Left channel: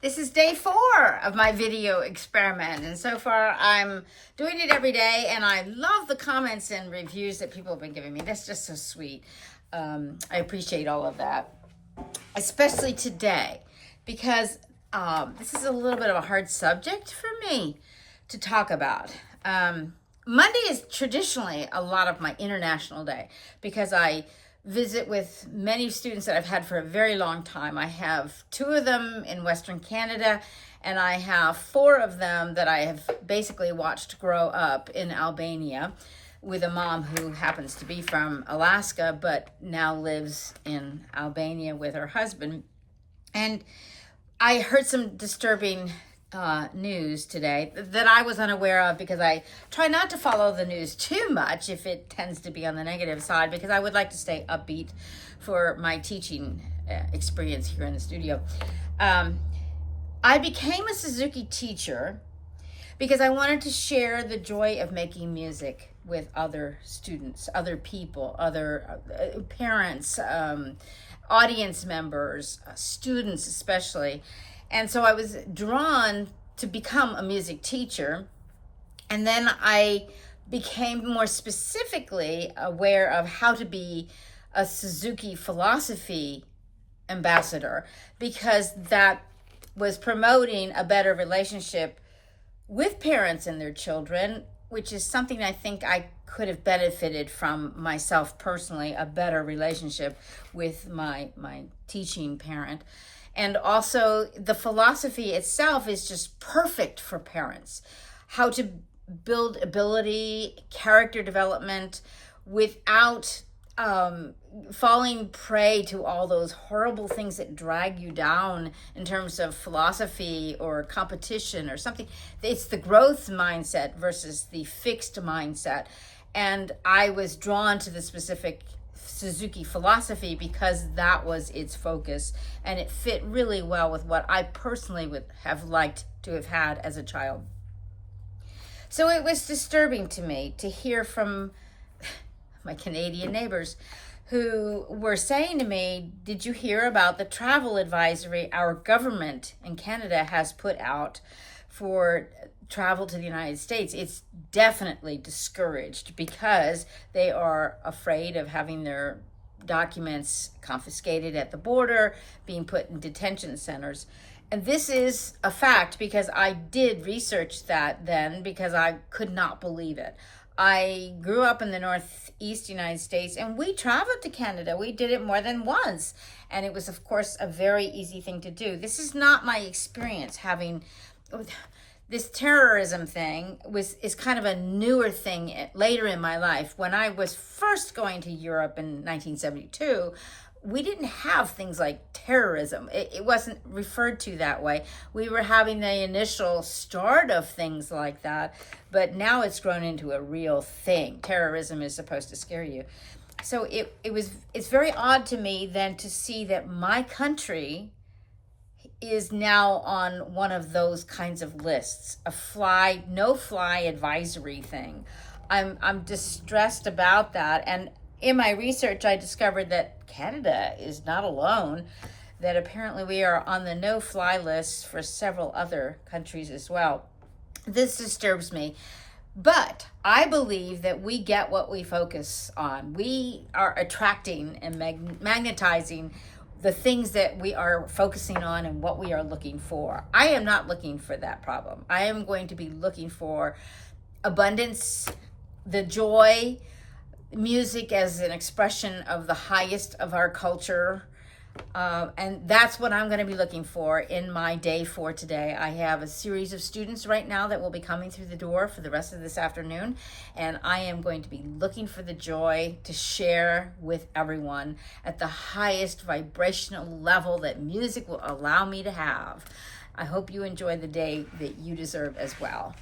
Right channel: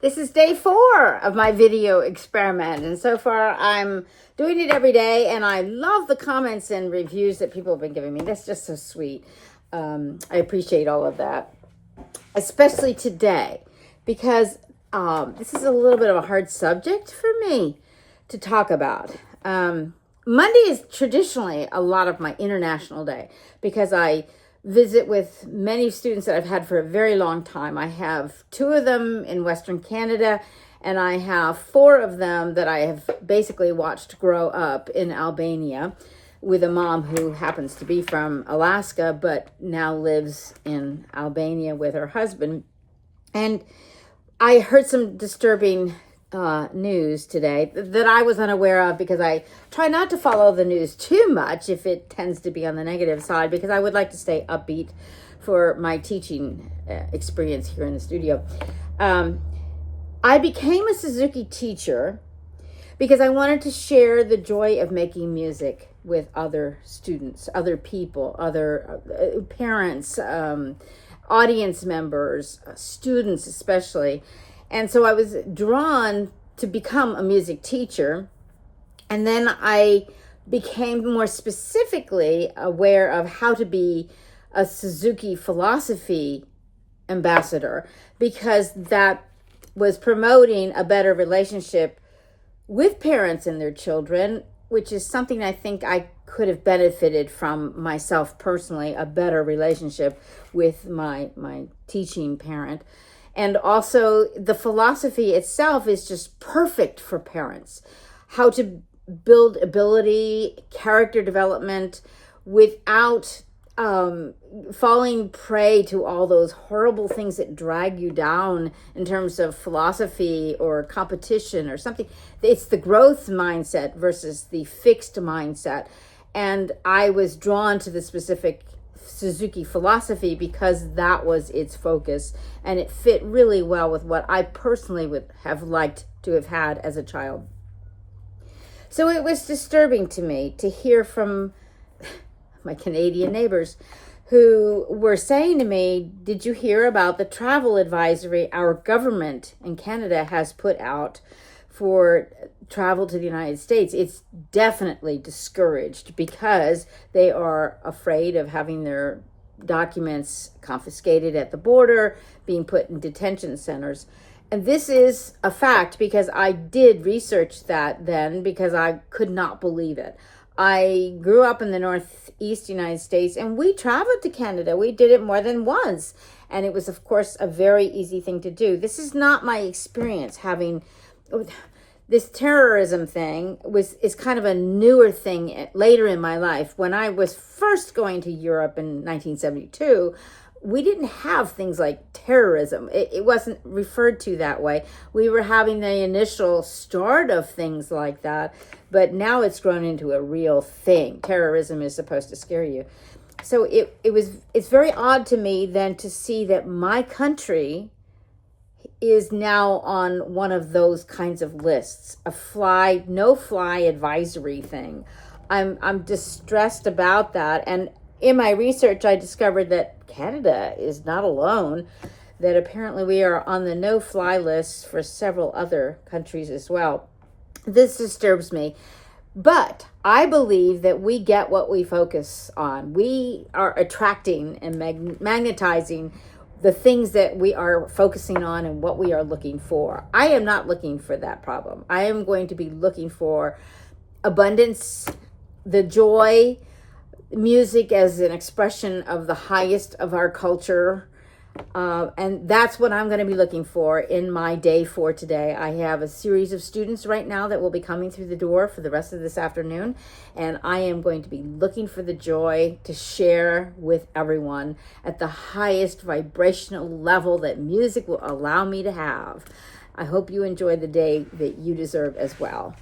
This is day 4 of my video experiment, and so far I'm doing it every day, and I love the comments and reviews that people have been giving me. That's just so sweet. I appreciate all of that, especially today, because this is a little bit of a hard subject for me to talk about. Monday is traditionally a lot of my international day because I visit with many students that I've had for a very long time. I have 2 of them in Western Canada, and I have 4 of them that I have basically watched grow up in Albania with a mom who happens to be from Alaska, but now lives in Albania with her husband. And I heard some disturbing news today that I was unaware of, because I try not to follow the news too much if it tends to be on the negative side, because I would like to stay upbeat for my teaching experience here in the studio. I became a Suzuki teacher because I wanted to share the joy of making music with other students, other people, other parents, audience members, students especially. And so I was drawn to become a music teacher. And then I became more specifically aware of how to be a Suzuki philosophy ambassador, because that was promoting a better relationship with parents and their children, which is something I think I could have benefited from myself personally, a better relationship with my teaching parent. And also the philosophy itself is just perfect for parents. How to build ability, character development without falling prey to all those horrible things that drag you down in terms of philosophy or competition or something. It's the growth mindset versus the fixed mindset. And I was drawn to the specific Suzuki philosophy because that was its focus, and it fit really well with what I personally would have liked to have had as a child. So it was disturbing to me to hear from my Canadian neighbors who were saying to me, "Did you hear about the travel advisory our government in Canada has put out for travel to the United States? It's definitely discouraged because they are afraid of having their documents confiscated at the border, being put in detention centers." And this is a fact because I did research that then, because I could not believe it. I grew up in the Northeast United States, and we traveled to Canada. We did it more than once. And it was, of course, a very easy thing to do. This is not my experience. Having this terrorism thing is kind of a newer thing later in my life. When I was first going to Europe in 1972, we didn't have things like terrorism. It wasn't referred to that way. We were having the initial start of things like that, but now it's grown into a real thing. Terrorism is supposed to scare you. So it's very odd to me then to see that my country is now on one of those kinds of lists, a no-fly advisory thing. I'm distressed about that. And in my research, I discovered that Canada is not alone, that apparently we are on the no-fly list for several other countries as well. This disturbs me, but I believe that we get what we focus on. We are attracting and magnetizing the things that we are focusing on and what we are looking for. I am not looking for that problem. I am going to be looking for abundance, the joy, music as an expression of the highest of our culture. And that's what I'm going to be looking for in my day 4 today. I have a series of students right now that will be coming through the door for the rest of this afternoon. And I am going to be looking for the joy to share with everyone at the highest vibrational level that music will allow me to have. I hope you enjoy the day that you deserve as well.